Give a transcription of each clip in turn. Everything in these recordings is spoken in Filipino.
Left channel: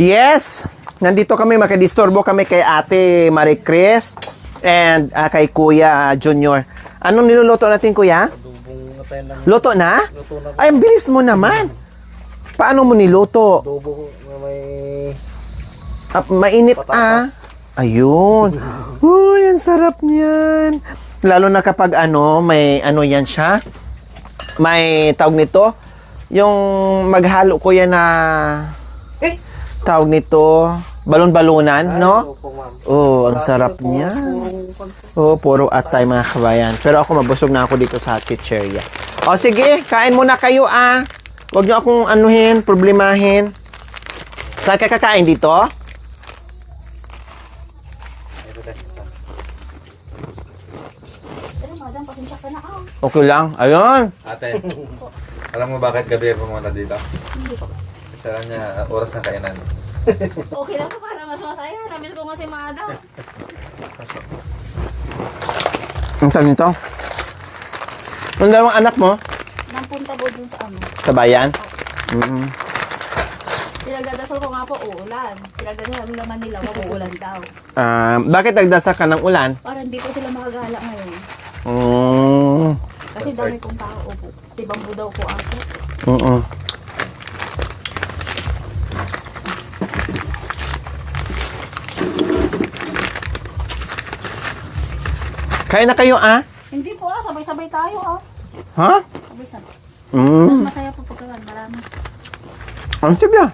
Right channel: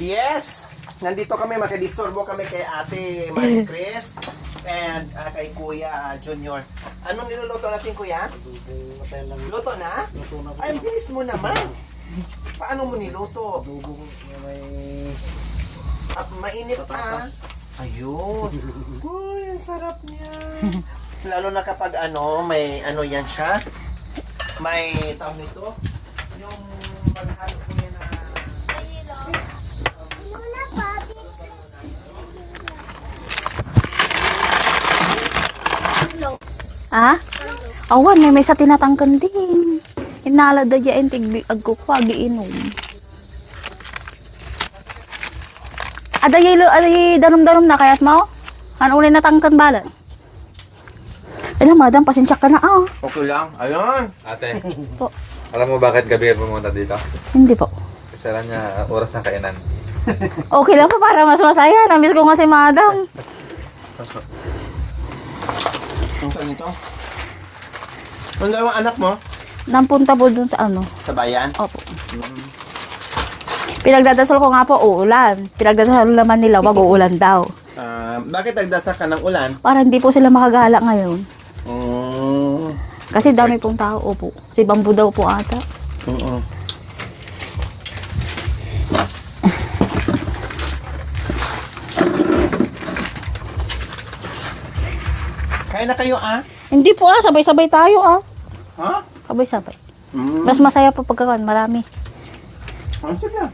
Yes! Nandito kami, makadisturbo kami kay Ate Marie Chris and kay Kuya Junior. Anong niluluto natin, Kuya? Luto na? Ay, ang bilis mo naman. Paano mo niluto? Mainit Ayun. Uy, ang sarap niyan. Lalo na kapag may yan siya. May tawag nito. Yung maghalo ko yan na tawag nito, balon-balunan, no? Oh, ang sarap niya. Oh, puro atay mga kabayan. Pero ako mabusog na ako dito sa kitchen. May sa tinatangkan ko. Oh, sige, kain muna kayo Huwag niyo akong problemahin. Saan ka kakain dito? Aday danom-danom na kayat mo? Ano ulit natangkan balat? Madam, pasensya ka na Okay lang. Ayun. Ate, alam mo bakit gabi pumunta dito? Hindi po. Isa lang niya, oras na kainan. Okay lang po, para mas masaya. Namiss ko nga si Madam. Ang tawag nito? Ang dalawang anak mo? Nampunta po dun sa Sa bayan? Opo. Pinagdadasal ko nga po, uulan. Pinagdadasal naman nila, wag uulan daw. Bakit nagdasal ka ng ulan? Para hindi po sila makagala ngayon. Oh. Kasi dami pong tao po. Si Bambu daw po ata. Oo. Kain na kayo, Hindi po sabay-sabay tayo Ha? Sabay-sabay. Mm. Mas masaya po pagkakan, marami. Sige.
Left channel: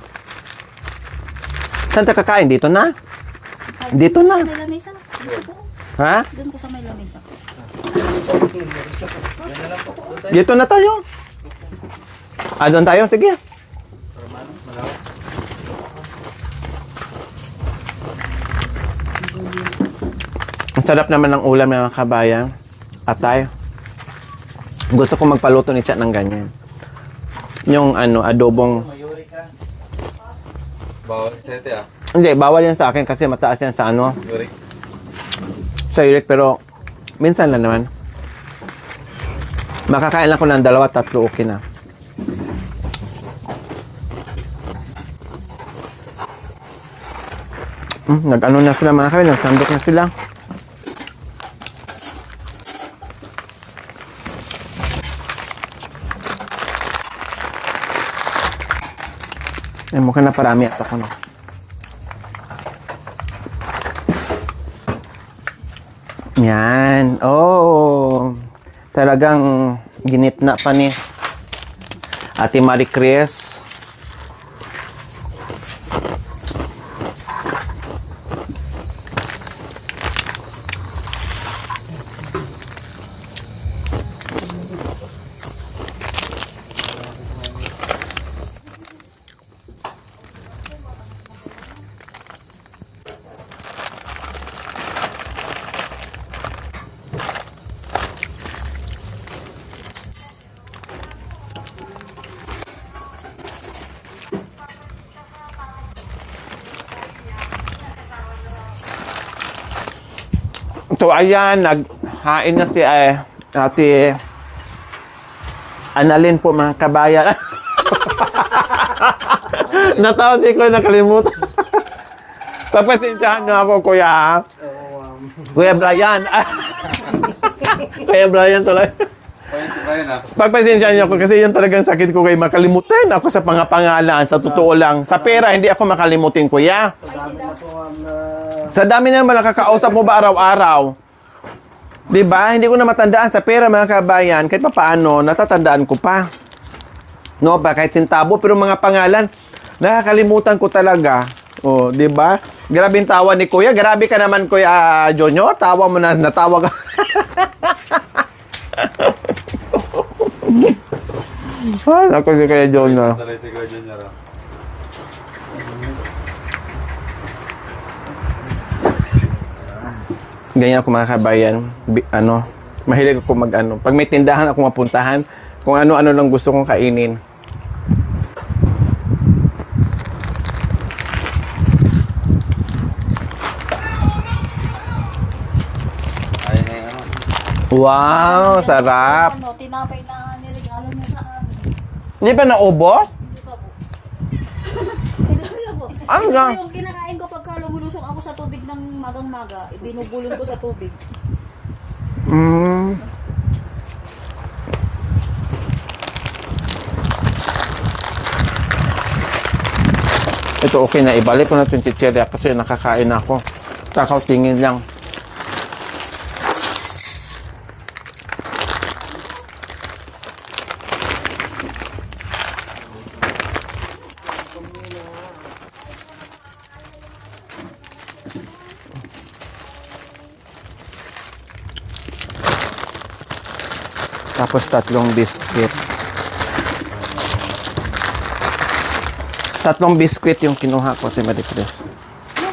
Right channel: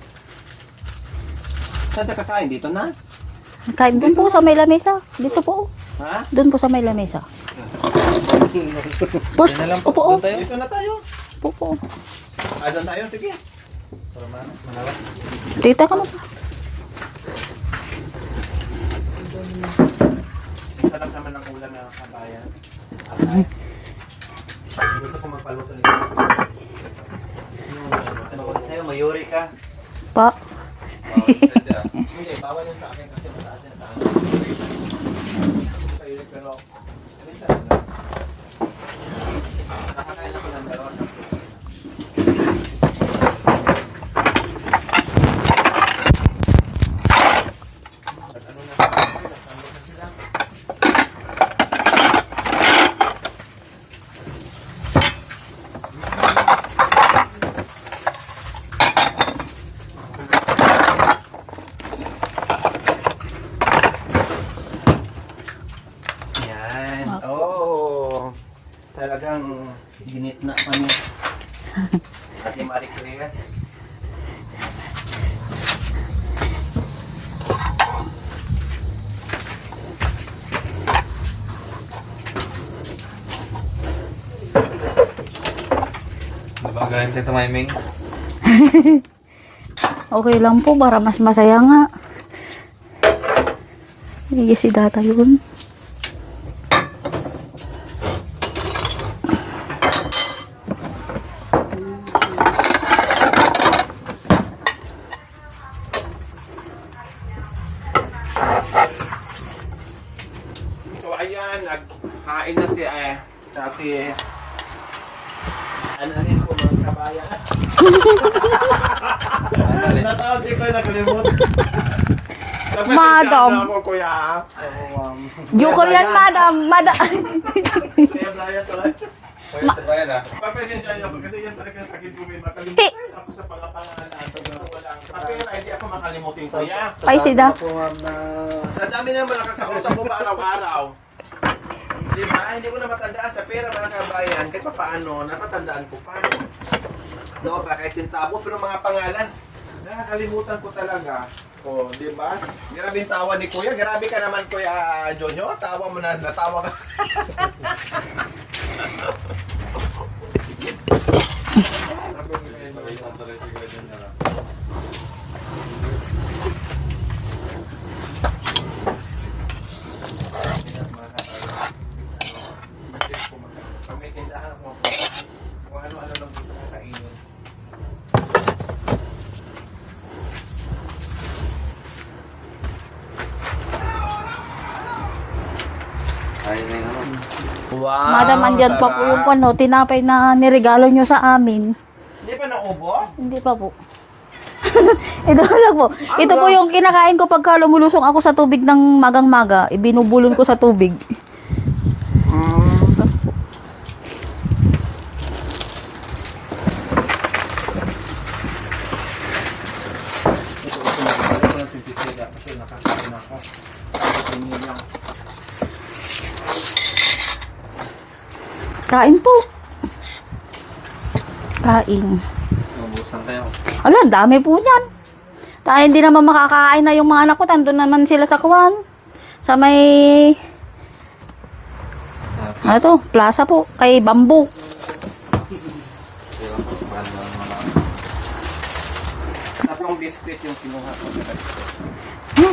Saan ka kakain? Dito na? Kahit Dito dito po na. sa may lamesa. Dito po. Ha? Doon po sa may lamesa. Boss, upo. Dito na tayo. Upo. Doon tayo? Sige. Tita ka mo. Ang sarap naman ng ulam ng mga kabayan. Atay. Gusto ko magpaluto nito ng ganyan. Yung adobong... Pa. Bawal sete Hindi, bawal yan sa akin kasi mataas yan sa sa uric, pero minsan lang naman. Makakain lang ko ng 2-3, okay na. Nag-ano na sila mga kain, nagsandok na sila. Mukhang na parami. Yan. Oh. Talagang ginitna pa ni Ate Marie Chris. Ang galing Tito Mayming. Okay lang po, para mas masaya nga. Hindi si data yun. So ayan, naghain na si Ate Annalyn po mga kabayan. Natawag ko, nakalimutan. Papasensyahan niyo ako, Kuya. Kuya Brian. Kuya Brian tuloy. Pagpasensyahan niyo ako kasi yan talagang sakit ko kay makalimutan ako sa pangalan. Sa totoo lang. Sa pera, hindi ako makalimutin, Kuya. Paisida. Sa dami naman nakakausap mo ba araw-araw? Diba? Hindi ko na matandaan sa pera, mga kabayan. Kahit pa paano, natatandaan ko pa. No, ba kahit sintabo, pero mga pangalan, nakakalimutan ko talaga. Oh, 'di ba? Grabe 'yung tawa ni Kuya. Grabe ka naman, Kuya Junior. Tawa mo na, natawag. Ako si Kuya Junior. Ganyan ako mga kabayan. Mahilig ako pag may tindahan ako mapuntahan, kung ano-ano lang gusto kong kainin. Wow, Madam, andyan pa po sarap. po, tinapay na niregalo nyo sa amin. Hindi pa naubo? Hindi pa po. Ito lang po. Ano Ito po lang? yung kinakain ko pagka lumulusong ako sa tubig ng magang-maga. Ibinubulon ko sa tubig. Mm. Ito okay na. Ibalik ko na ito yung chichirya kasi nakakain na ako. Tingin lang. Kain po. Kain. Mabusan kayo. Ala, dami po niyan. Tayo hindi naman makakain na yung mga anak ko. Tandun naman sila sa kuwan. Sa may... Ano to? Plaza po. Kay Bamboo. Tapos 3 biscuit. 3 biscuit yung kinuha ko, Ate Marie Chris.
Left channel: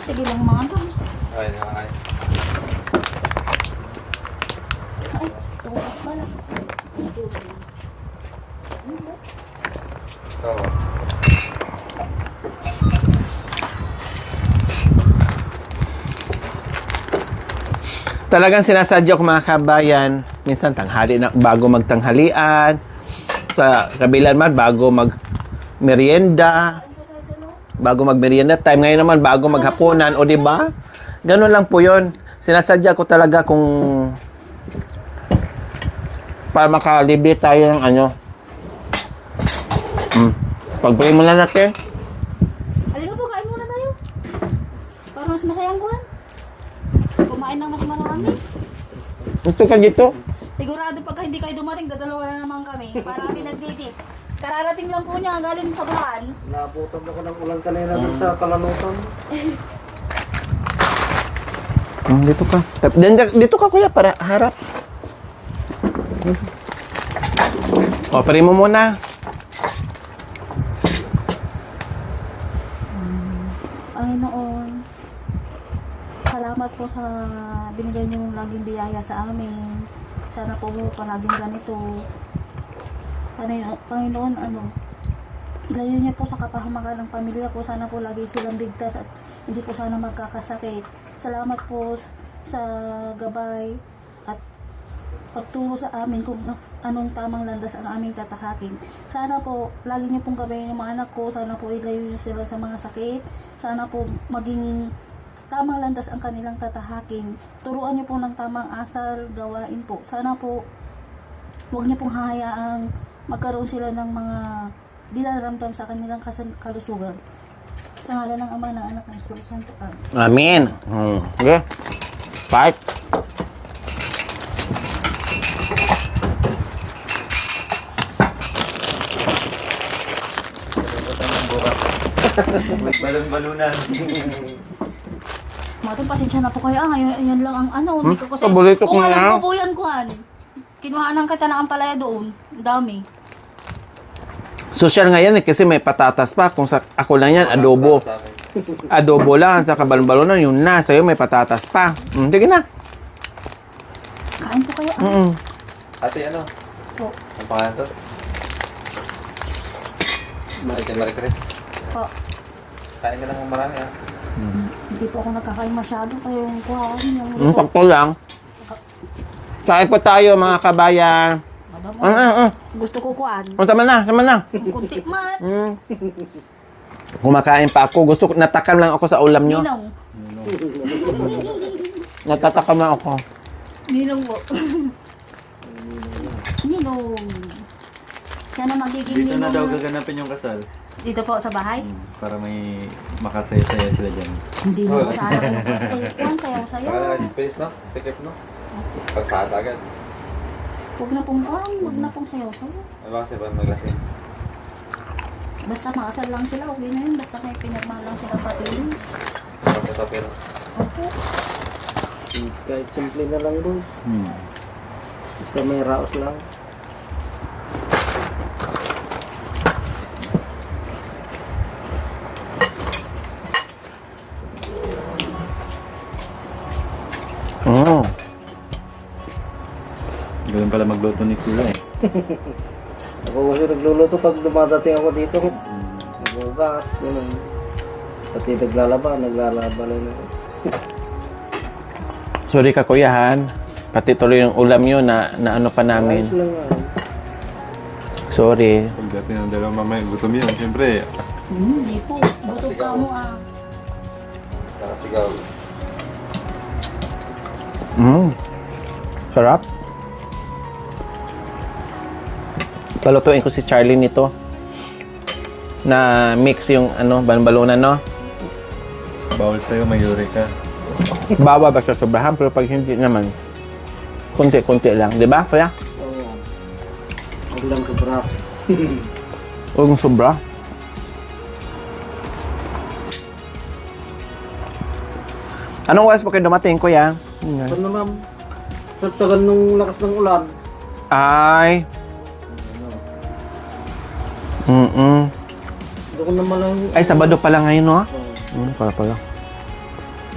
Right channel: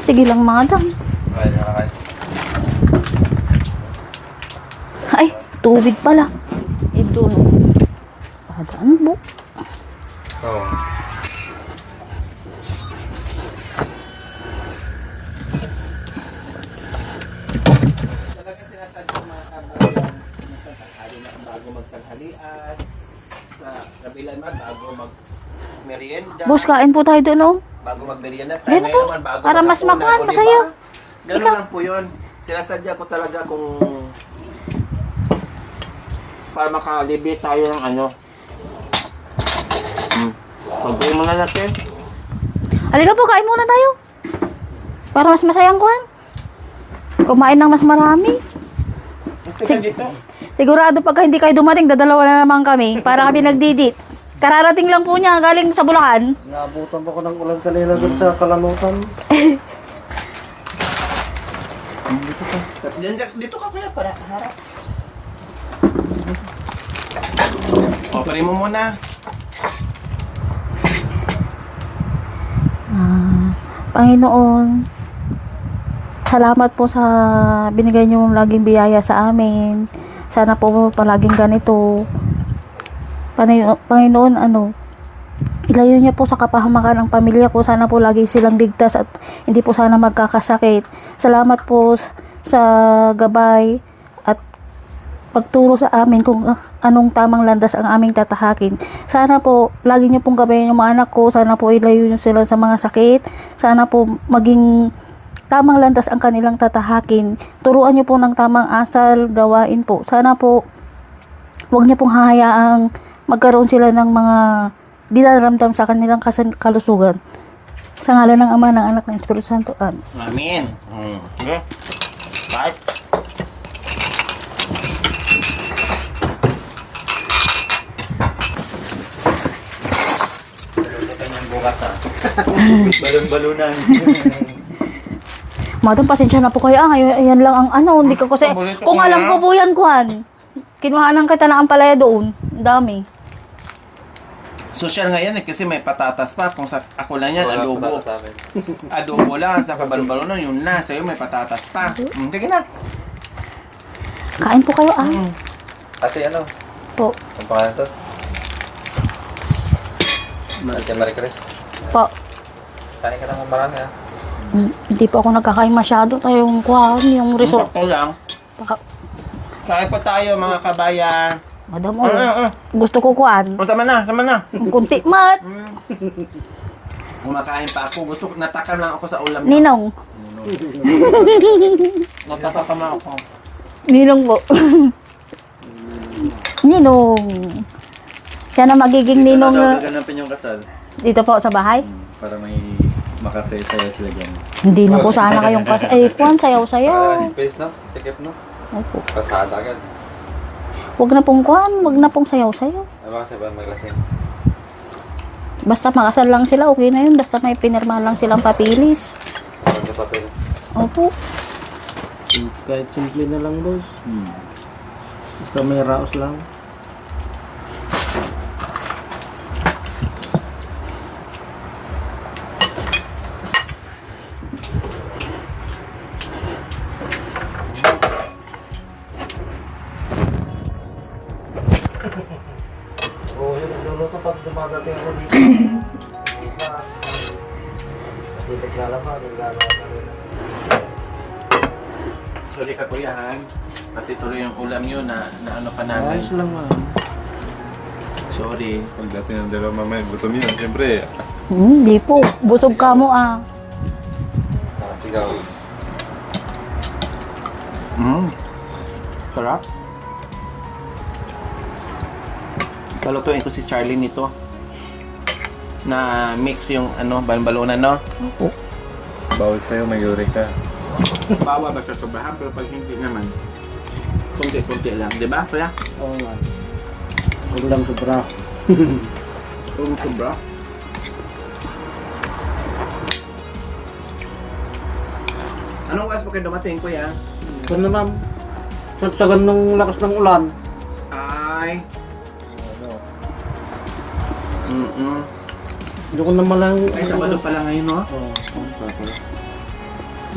Sige lang mga dam. Okay, nakakain. Ay, tubig pala. Ito. Padaan po. Oo. Talagang sinasadya ko mga kabayan, minsan tanghali na, bago magtanghalian, sa kabilan man, bago mag-merienda, Boss, kain po tayo doon, oh. bago mag-merienda time, Yan ngayon po, naman bago para mas maghapunan, makuha, o di ba? Ganun lang po yun. Sinasadya ko talaga kung para makalibre tayo ng ano. Pagbuhin mo na natin. Halika po, kain muna tayo. Para mas masayang kuhan. Kumain ng mas marami. Ito ka dito. Sigurado pagka hindi kayo dumating, dadalawa na naman kami. Para kami nagdidit. Kararating lang po niya galing sa Bulacan. Naabutan po ko ng ulan kanina dun sa Kalanukan. Dito ka. Dito ka kuya, para harap. O, pari mo muna. Panginoon, salamat po sa binigay niyo laging biyaya sa amin. Sana po palaging ganito. Panginoon, ilayo niyo po sa kapahamakan ang pamilya ko. Sana po lagi silang ligtas at hindi po sana magkakasakit. Salamat po sa gabay at pagturo sa amin kung anong tamang landas ang aming tatahakin. Sana po, lagi niyo pong gabayan yung mga anak ko. Sana po ilayo niyo sila sa mga sakit. Sana po maging tamang landas ang kanilang tatahakin. Turuan niyo po ng tamang asal, gawain po. Sana po, huwag niyo pong hahayaang magkaroon sila ng mga dinaramdam sa kanilang kalusugan. Sa ngalan ng Ama, ng Anak, ng Espiritu Santo. Amen. Amen. Okay. Fight. Balon-balunan. Madam, pasensya na po kayo. Yan lang ang hindi ko kasi... paborito ko Kung alam na. ko po yan, Kuhan. Kinuhaan kita ng ampalaya doon. Ang dami. Social ngayon kasi may patatas pa. Kung sa ako lang yan, adobo. Sa amin. Adobo lang, sa balon-balonan, yung nasa iyo may patatas pa. Sige na. Kain po kayo, Ate, ano? Po. Ang pangalan to? Ate Marie Chris. Po. Kain ka na kung marami Hindi po ako nagkakain masyado. Yung Kuhan, yung resort. Sakto lang. Kain po tayo mga kabayan. Madam, gusto ko Kuhan. Tama na, tama na. Ang kunti mat. Kumakain pa ako. Natakam lang ako sa ulam niyo. Ninong. Natatakam lang ako. Ninong po. Ninong. Siya na magiging ninong na Ganapin yung kasal. dito po sa bahay. Para may makasaya-saya sila dyan. Hindi na po sana kayong Kuhan, sayaw-sayaw. Para space, no? Sikip, no? Opo. Pasada agad. Huwag na pong Kuhan, huwag na pong sayaw-sayaw. Ay, baka sa ibang maglasing. Basta makasal lang sila, okay na yun. Basta may pinirma lang silang papilis. Sa papel. Opo. Kahit simple na lang, boss. Basta may raos lang. Ganun pala magluto ni Kuya eh. Ako kasi nagluluto pag dumadating ako dito. Nagbakas, ganun. Pati naglalaba na. Sorry ka kuyahan. Pati tuloy yung ulam yun na ano pa namin. Ayos lang nga. Sorry. Pagdating ng dalawa mamaya, gutom yun. Siyempre, Hindi po. Busog ka mo ah. Nakasigaw. Sarap. Palutuin ko si Charlie nito. Na mix yung ano, balon-balunan, no? Bawal kayo, may uric ka. Bawal ba siya sobrahan, pero pag hindi naman, konti-konti lang. Di ba, kuya? Oo man. Huwag lang sobra. Huwag mong sobra. Anong oras pa kayo dumating, kuya? Ito na ma'am. Sagsagan ng lakas ng ulan. Ay. Ano, Doon ko naman lang. Ay, Sabado pala ngayon, no? Oo. Pala.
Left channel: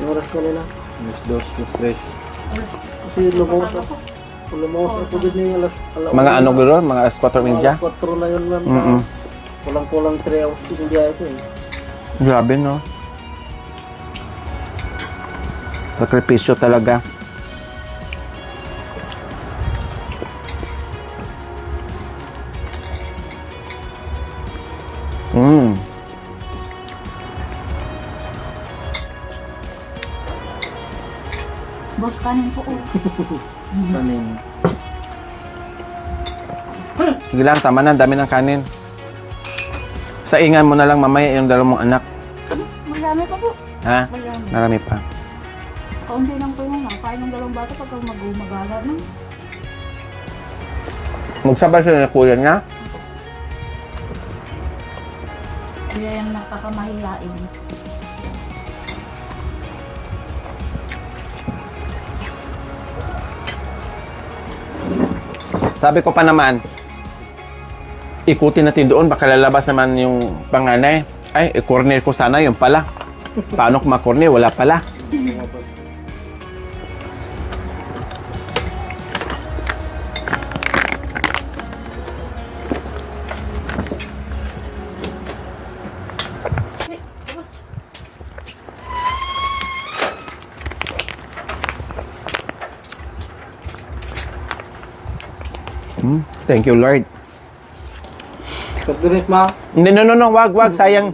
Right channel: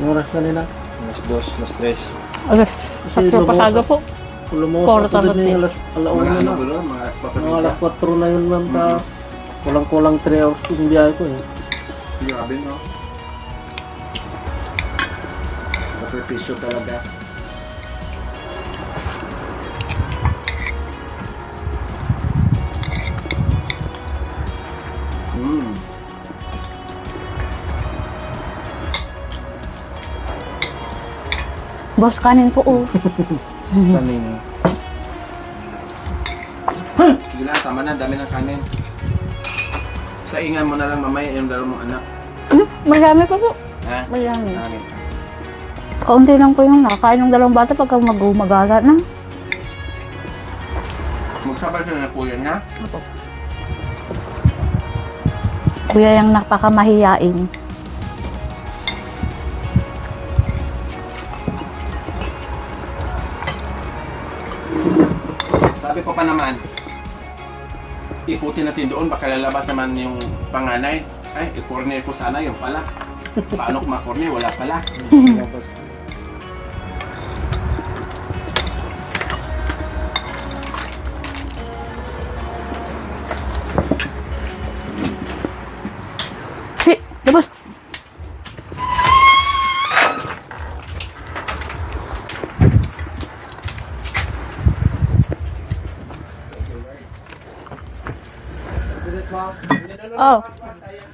Yung oras na nila. Mas dos, mas tres. Alas, sakto pasaga po. Lumos Kwarto ako na din alauna. Mga ano gulo? Mga escorter Mga media? alas 4 na yun ma'am. Mhm. Walang 3 hours yung biyahe ko eh. Grabe, no? Sakripisyo talaga. Boss, kanin po oh. Kanin. Sige lang, tama na. Dami ng kanin. Saingan mo na lang mamaya yung dalawang mong anak. Marami pa po. Ha? Marami. Marami pa. Kaunti lang po yung nakakain ng dalawang bata pagka mag-umagala na. Magsabay sila na kuya niya. Kuya yung napakamahiyain. Sabi ko pa naman, ikutin natin doon, baka lalabas naman yung panganay. Ay, i-corner ko sana, yung pala. Paano ko ma-corner? Wala pala. Si, boss. Thank you, Lord. Pagdirit ma. Hindi, no, wag. Sayang,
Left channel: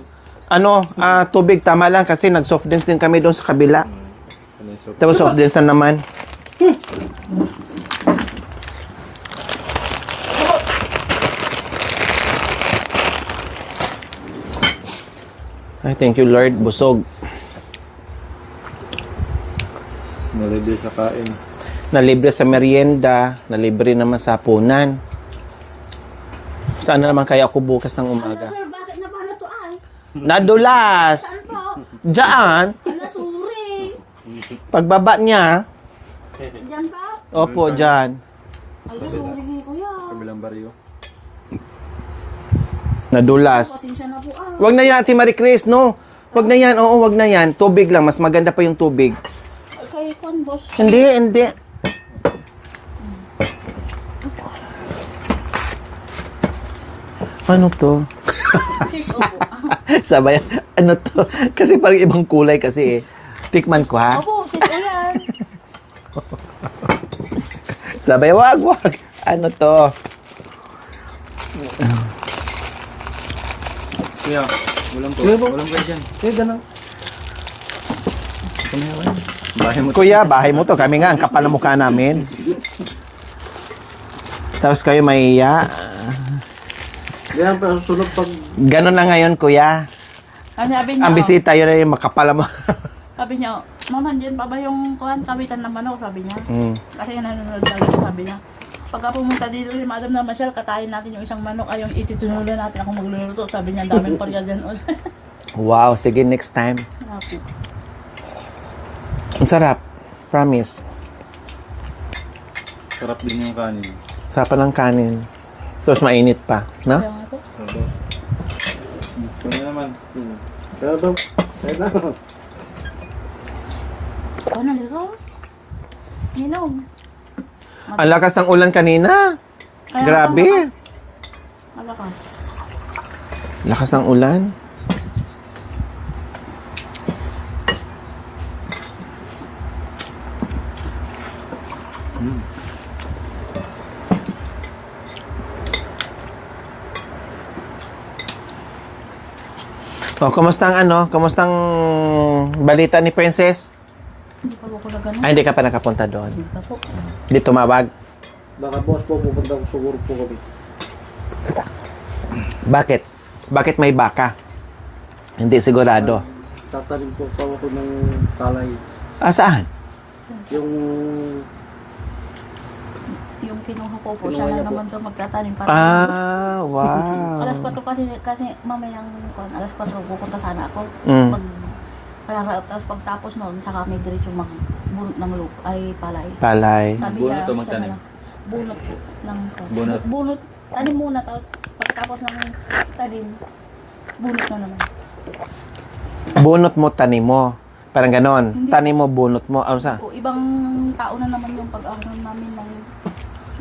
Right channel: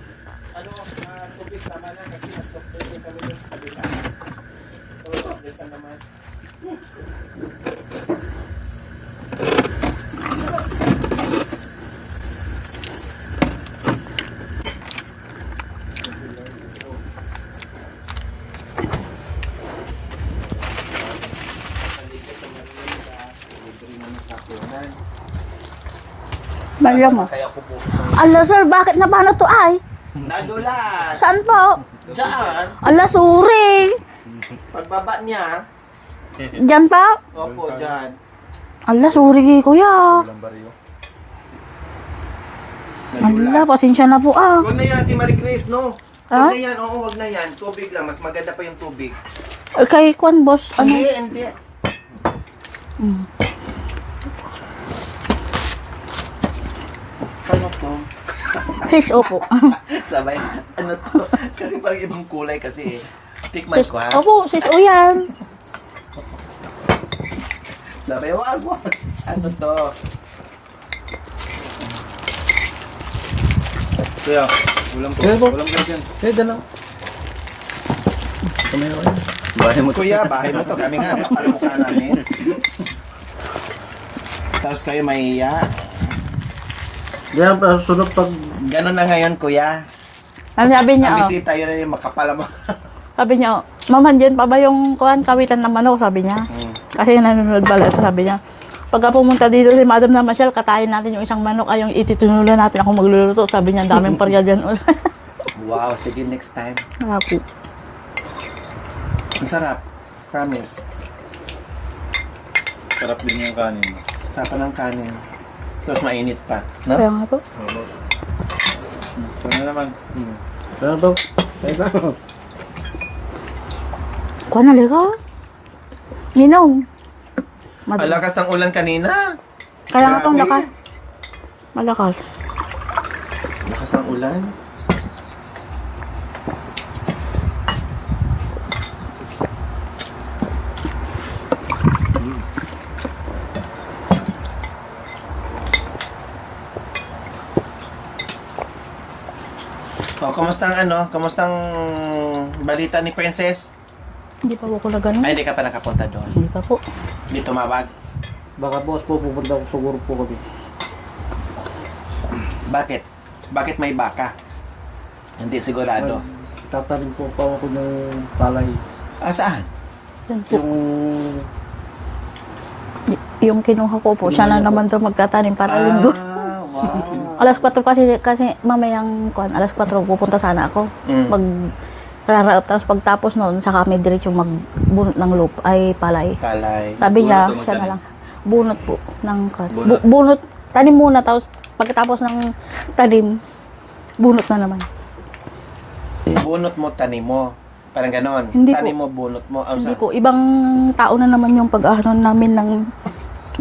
tubig, tama lang kasi nag-soft drinks din kami doon sa kabila. Tapos soft drinks na naman. Ay, thank you, Lord. Busog. Nalibig sa kain. Nalibre sa merienda, nalibre naman sa punan. Saan Malam- naman kaya ako bukas ng Ala sir, bakit na paano to ay? Nadulas! Saan po? Diyan! Ala, sorry. Pagbaba niya, Diyan pa? opo, diyan. Ala, sorry kuya. Bilang baryo. Nadulas. Ala, pasensya na po ah. Wag na yan, Ate Marie Chris, no? Wag Ah? na yan, oo, wag na yan. Tubig lang, mas maganda pa yung tubig. Kay Kwan boss. Hindi. Ano to? Fish opo. Sabay, ano to? Kasi parang ibang kulay kasi eh. Tikman ko ha. Opo, fish o yan. Sabay, wag. Ano to? Kuya, ulam po. Ulam po dyan. Eh, gano'n. Bahay mo. Kuya, bahay mo to. Kami nga, ang kapal ng mukha namin. Tapos kayo mahiya. Ganyan pa susunod pag Ganon na ngayon, kuya. Sabi niya, Ang bisita, yun na yung makapal mo. sabi niya, Mama, dyan pa ba yung kuhan, kawitan ng manok? Sabi niya. Kasi nanonood ba sabi niya. Pagka pumunta dito si Madam na Marshall, katayin natin yung isang manok, ay yung ititunulan natin ako magluluto. Sabi niya, daming parya dyan. Wow, sige, next time. Happy. Ang sarap. Promise. Sarap din yung kanin. Sarap ng kanin. Tapos mainit pa. No? Kaya nga po. Ano naman? Pero to, ayun na. Kuha na ligaw. Ninong. Ang lakas ng ulan kanina. Kaya nga pang Grabe. lakas. Malakas. Lakas ng ulan. O, kumustang kumustang balita ni Princess? Hindi pa po ko na ganun. Ay, hindi ka pa nakapunta doon. Hindi pa po. Hindi tumawag. Baka boss po, pupunta ko siguro po kami. Bakit? Bakit may baka? Hindi sigurado. Tatanim po pa ako ng palay. Ah, saan? Yun po. Yung Yung kinuha ko po, siya na naman daw magtatanim para linggo. Ah, wow. Alas 4 kasi mamayang alas 4 pupunta sana ako. Mm. Mag raraot, tapos pagtapos noon, saka may diretso magbunot ng palay. Palay. Sabi niya, Bunot o siya na magtanim? lang, bunot po ng Bunot. bunot, tanim muna, tapos pagkatapos ng tanim, bunot na naman. Bunot mo, tanim mo. Parang ganon. Hindi Tanim mo, bunot mo. Ano Hindi sa? po, ibang tao na naman yung pag-ahon namin ng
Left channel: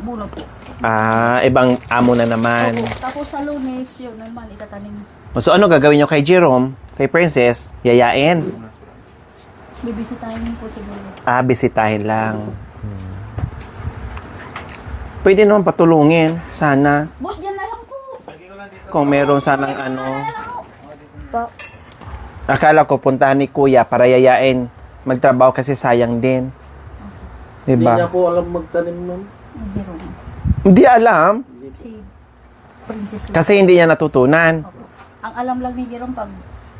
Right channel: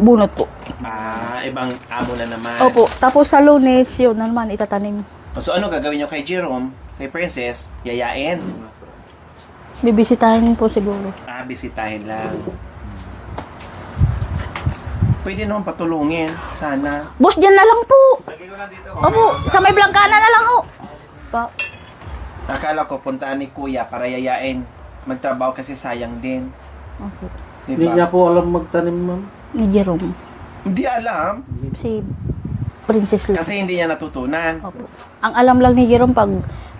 bunot po. Ah, ibang amo na naman. Opo, tapos sa Lunes, yun na naman itatanim. So, ano gagawin nyo kay Jerome, kay Princess? Yayain? Bibisitahin po siguro. Ah, bisitahin lang. Pwede naman patulungin. Sana. Boss, dyan na lang po. Kung meron sana. sa may Blancana na lang ho. Akala ko puntahan ni Kuya para yayain. Magtrabaho kasi sayang din. Hindi niya Diba? po alam magtanim, ma'am. Ni Jerome. Hindi alam. Si Princess lang. Kasi hindi niya natutunan. Opo. Ang alam lang ni Jerome pag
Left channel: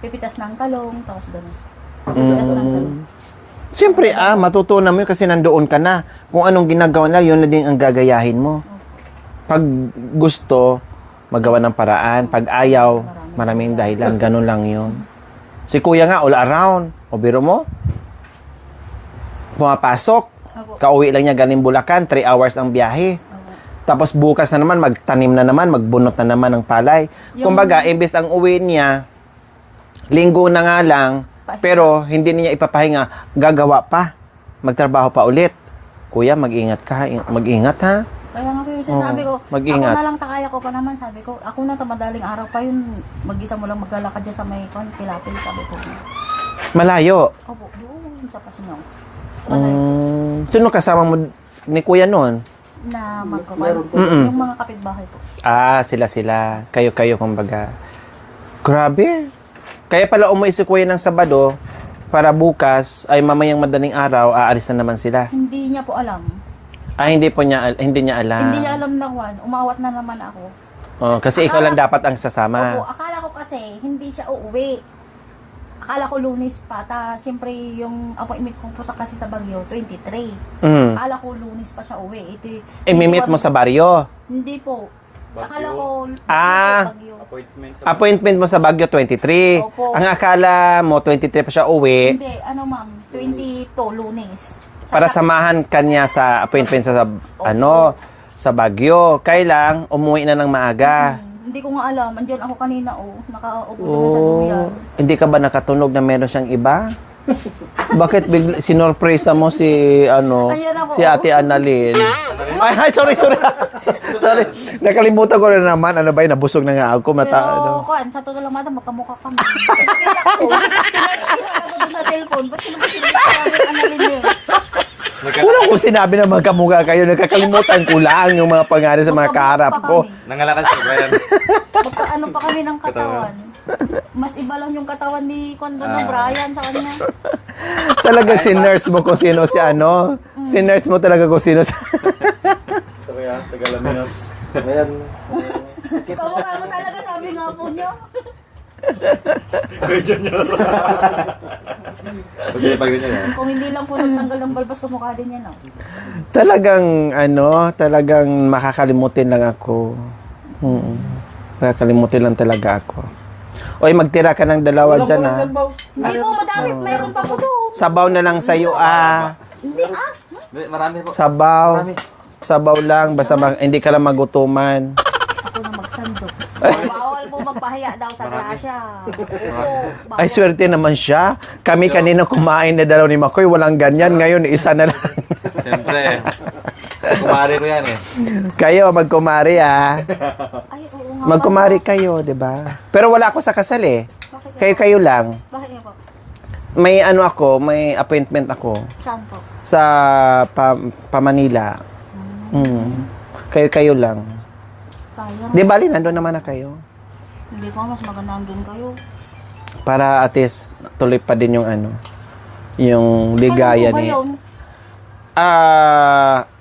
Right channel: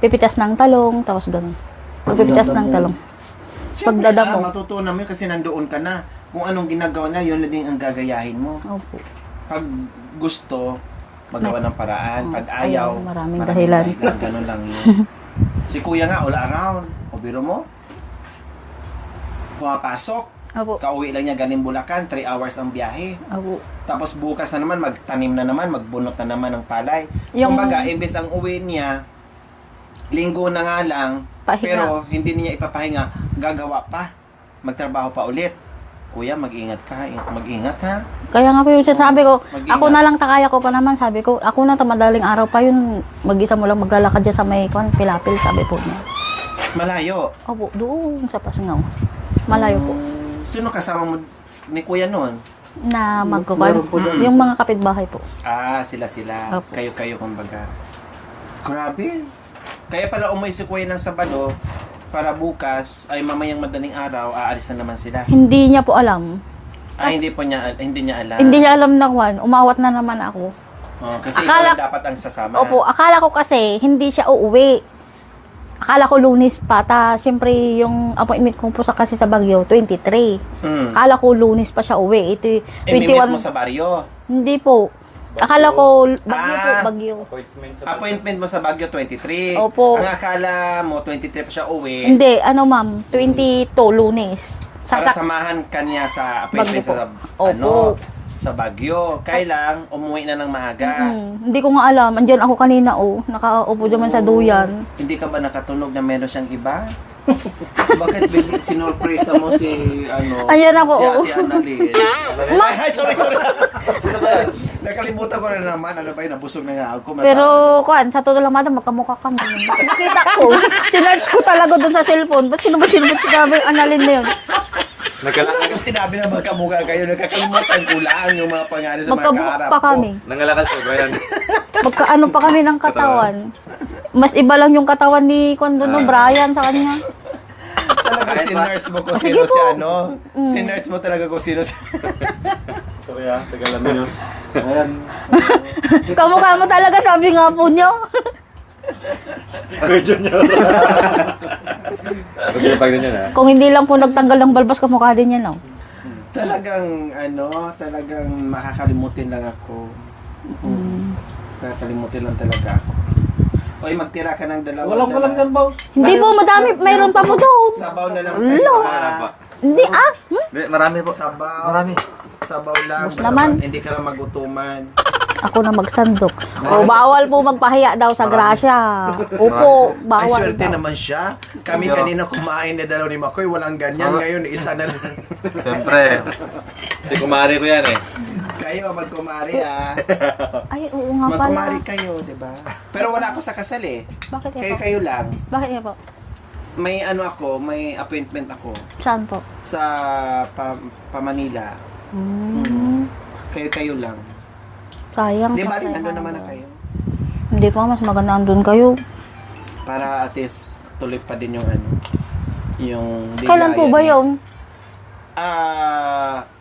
pipitas ng talong, tapos gano'n. Pag pipitas ng talong. Siyempre, Pagdadamo. matutunan mo yun kasi nandoon ka na. Kung anong ginagawa na, yun na din ang gagayahin mo. Opo. Pag gusto, magawa ng paraan. Pag ayaw, Maraming maraming dahilan. dahilan. Ganun lang yun. Si Kuya nga, all around. O biro mo, pumapasok. Opo. Kauwi lang niya galing Bulacan, 3 hours ang biyahe. Opo. Tapos bukas na naman, magtanim na naman, magbunot na naman ng palay. Yung- Kumbaga, imbes ang uwi niya, linggo na nga lang, Pahinga. pero hindi niya ipapahinga, gagawa pa. Magtrabaho pa ulit. Kuya, mag-ingat ka. Mag-ingat ha. Kaya nga po yung sasabi ko, mag-ingat. ako na lang takaya ko pa naman, sabi ko, ako na madaling araw pa yun, mag-isa mo lang maglalakad dyan sa may pilapil, sabi po niya. Malayo. Opo, doon sa Pasingaw. Malayo po. Sino kasama mo ni Kuya noon? Na magkukuhan. Yung mga kapitbahay po. Ah, sila. Kayo-kayo, kumbaga. Grabe. Kaya pala umuwi si Kuya ng Sabado para bukas ay mamayang madaling araw aalis na naman sila. Hindi niya po alam. Hindi niya alam. Hindi niya alam na kwan. Umawat na naman ako. Oh, kasi ikaw lang dapat ang sasama. Opo, akala ko kasi hindi siya uuwi. Akala ko Lunes pa. Siyempre yung appointment ko po kasi sa Baguio, 23. Mm. Akala ko Lunes pa siya uwi. Ito yung Imimit mo sa baryo. Hindi po. Akala ko Baguio. Appointment sa Appointment mo sa Baguio 23. Opo. Ang akala mo 23 pa siya uwi Hindi, ma'am, 22 Lunes. para samahan kanya sa appointment sa Opo. sa Baguio. Kailang umuwi na ng maaga. Hindi ko nga alam. Andiyan ako kanina, nakaupo naman sa duyan. Hindi ka ba nakatunog na meron siyang iba? Bakit sinurpresa mo si Ayan ako, si Ate Annalyn? Ay, sorry. Sorry. Nakalimutan ko na naman. Ano ba yun? Nabusog na nga ako. Pero, sa totoo lang, madam, magkamukha kami. Nakita ko. Sinerch ko talaga dun sa cellphone. Ba't sino ba sinabi yung Annalyn na yun? Wala ko sinabi na magkamukha kayo. Nakakalimutan ko lang yung mga pangalan sa mga Magkamukha kaharap pa ko. kami. Nangalakas ko yan. Magkaano pa kami ng katawan. Mas iba lang yung katawan ni Brian sa kanya. Talaga sinurse mo kung sino si Sinurse mo talaga kung sino si... So kaya, Tagalaminos. Ayan. Kamukha mo talaga, sabi nga po nyo. Ako Junior. Pag pa ganyan ha. Kung hindi lang po nagtanggal ng balbas, kamukha din yan, Talagang talagang makakalimutin lang ako. Makakalimutin lang talaga ako. Oy, magtira ka ng dalawa Walang dyan barangay, boss. Hindi po, madami. Mayroon pa po doon. Sabaw na lang sa'yo Hindi, Marami po. Sabaw. Marami. Sabaw lang. Basta Naman. hindi ka lang magutuman. Ako na magsandok. Bawal po magpahiya daw sa grasya. Opo, bawal. Ay, swerte naman siya. Kami kanina kumain na dalaw ni Makoy. Walang ganyan. Ngayon, isa na lang. Siyempre. Kumari ko yan eh. Kayo, magkumari Ay, oo nga Magkumari kayo, di ba? Pero wala ako sa kasal eh. Bakit Kayo lang. Bakit nga po? May may appointment ako Saan po? sa Manila. Kayo lang. Sayang. Di bali, nandun naman na kayo. Hindi pa, mas maganda andun kayo. Para at least tuloy pa din yung ano, yung Kailan po bigayan ba niya. yun?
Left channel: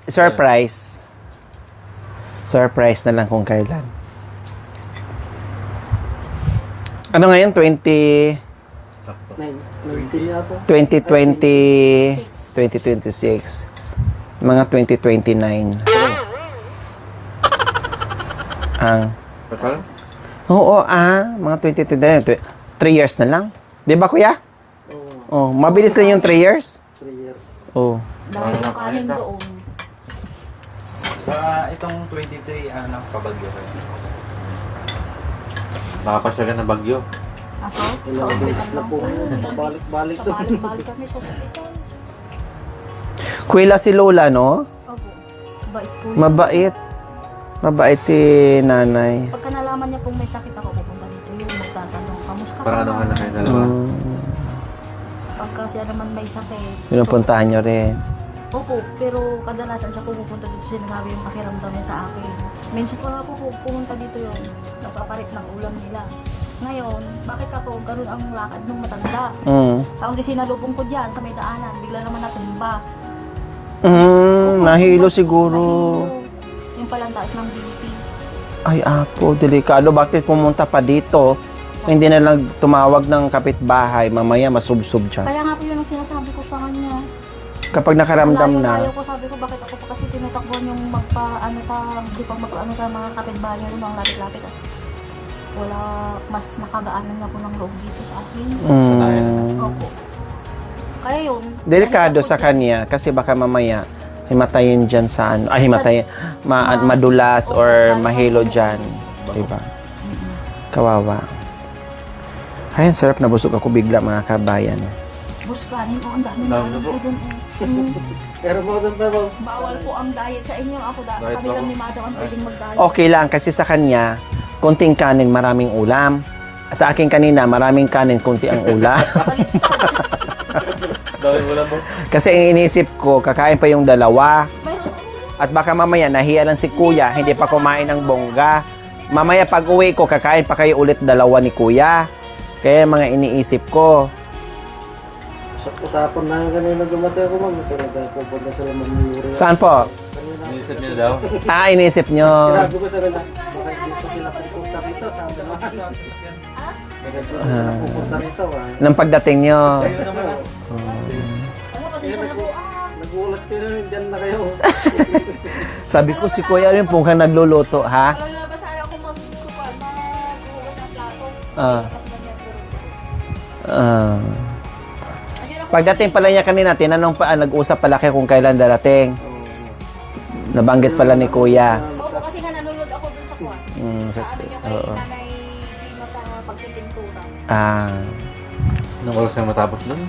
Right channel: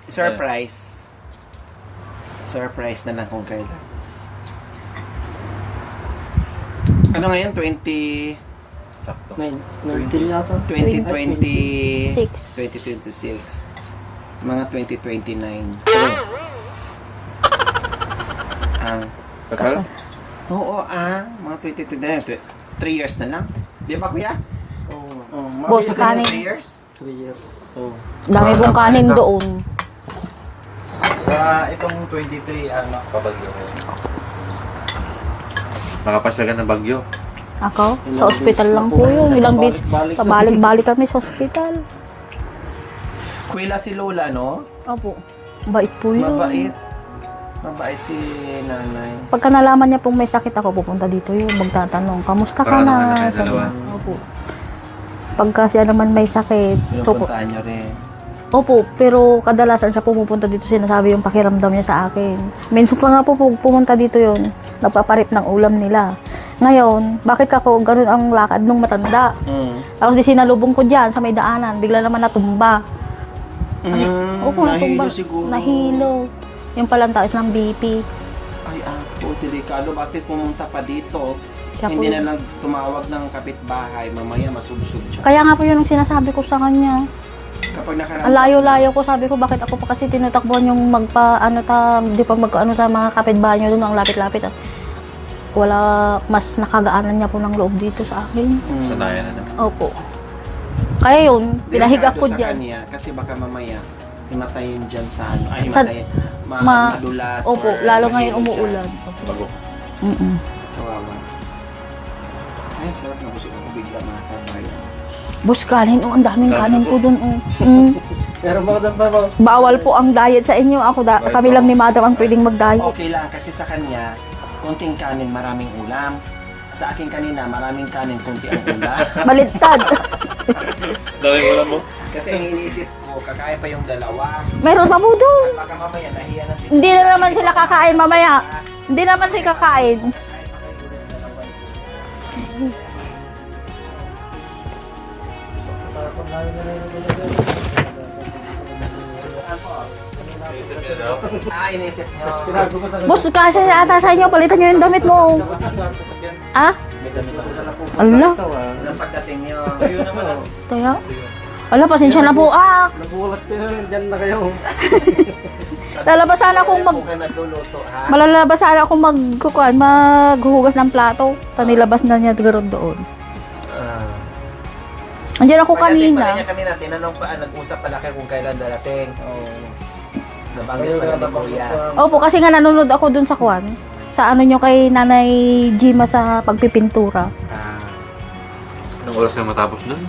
Surprise. Surprise na lang kung kailan. Ano ngayon? 2026. 2026. Mga 2029. Ang Kasal? Oo, mga 2029. 3 years na lang. Di ba, kuya? Oh, mabilis Boss, lang yung 3 kanin. years? 3 years. Oh. Dami pong kanin doon. Sa itong 23, anak, pabagyo kayo. Makapasya ka ng bagyo. Ako? Sa ospital lang po yun. Ilang bis. Pabalik-balik kami sa ospital. Kuya si Lola, no? Opo. Bait po yun. Mabait. Mabait si nanay. Pagka nalaman niya pong may sakit ako, pupunta dito yun. Magtatanong, kamusta ka Para na? naman na kayo dalawa. Opo. Pagka siya naman may sakit. Pinupuntahan nyo rin. Opo, pero kadalasan siya pumupunta dito, sinasabi yung pakiramdam niya sa akin. Minsan pa nga po pumunta dito yun, nagpaparip ng ulam nila. Ngayon, bakit ako ganun ang lakad nung matanda? Tapos di sinalubong ko dyan sa may daanan, bigla naman natumba. Opo, Nahilo natumba. siguro. Nahilo. Yung palang taas ng BP. Ay, ako, delikado. Bakit pumunta pa dito? Hindi na lang tumawag ng kapitbahay. Mamaya masubsob siya. Kaya nga po yun ang sinasabi ko sa kanya. Kapag nakaramdam Ang layo-layo na. ko, sabi ko, bakit ako pa kasi tinatakbuhan yung di pa magkaano sa mga kapitbahay nyo doon, ang lapit-lapit. Wala, mas nakagaanan niya po ng loob dito sa akin. Opo. Kaya yun, Delikado ko sa dyan. kanya kasi baka mamaya himatayin dyan sa ano. Ay, himatayin. Madulas Opo, or lalo mahilo ngayong dyan. umuulan. Diba? Mm-mm. Kawawa. Ay, ang sarap na busog ako bigla mga kabayan. Boss, kanin. Oh, ang daming kanin ko doon. Pero bakit pa ba? Bawal po ang diet sa inyo. Kami lang ni Madam ang pwedeng mag-diet. Okay lang kasi sa kanya, konting kanin, maraming ulam. Sa akin kanina, maraming kanin, konti ang ulam. Baliktad. Dawin mo lang mo. Kasi ang iniisip ko, kakain pa yung dalawa. Meron pa po doon. At baka mamaya nahiya ng si Hindi kuya, na naman hindi pa sila kumain kakain ng mamaya. bongga. Hindi naman Mamaya sila pag kakain. uwi ko, kakain pa kayo ulit dalawa ni kuya. Kaya mga iniisip ko. Sa usapon na kanina dumating ako. Pupunta sila ng Saan po? Inisip niyo daw. Iniisip nyo. Sinabi ko sa Boss, kasi ata sa inyo, palitan nyo yung damit mo. Ah? Ala? Nang pagdating nyo. Kaya? Ala, pasensya na po. Nagulat ko na, dyan na kayo. Sabi ko Lalabas si sana kuya kung rin kung ka nagluluto, ha? Malalabas sana ako maghuhugas ng plato. Panilabas na niya doon. Andiyan ako Pagdating kanina. pala niya kanina, tinanong pa, nag-usap pala kayo kung kailan darating. Nabanggit pala ni kuya. Opo, kasi nga nanonood ako dun sa kwan. Sa ano nyo kay Nanay Gima sa pagpipintura. Anong oras ka matapos doon?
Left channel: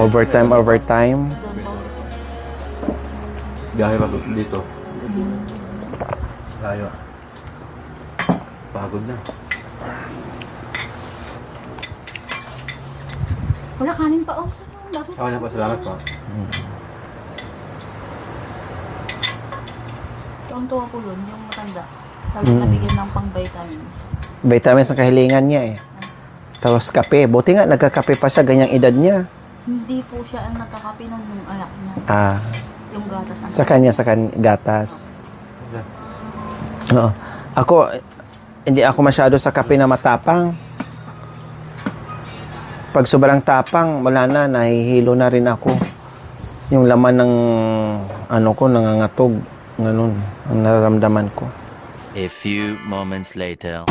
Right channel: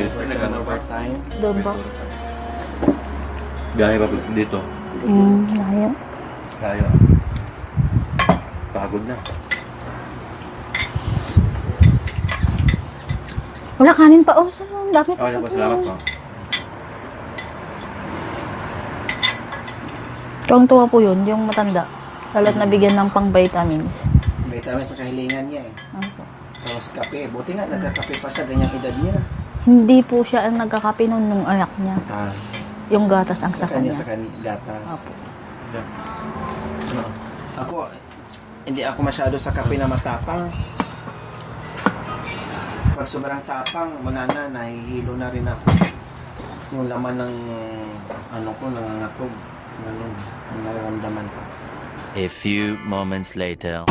Overtime. Doon po. Biyahe pa dito. Ayun. Layo. Pagod na. Wala kanin pa. Oh, saan dapat? Okay na po, salamat po. Tuwang-tuwa po yun, yung matanda. Lalo't nabigyan ng pang vitamins. Vitamins ang kahilingan niya eh. Tapos kape. Buti nga, nagkakape pa siya, ganyang edad niya. Hindi po siya ang nagkakape nun nung anak niya. Yung gatas ang Sa kanya, gatas. Oo. Ako, hindi ako masyado sa kape na matapang. Pag sobrang tapang, wala na, nahihilo na rin ako. Yung laman ng, nangangatog. Ganun, ang nararamdaman ko. A few moments later.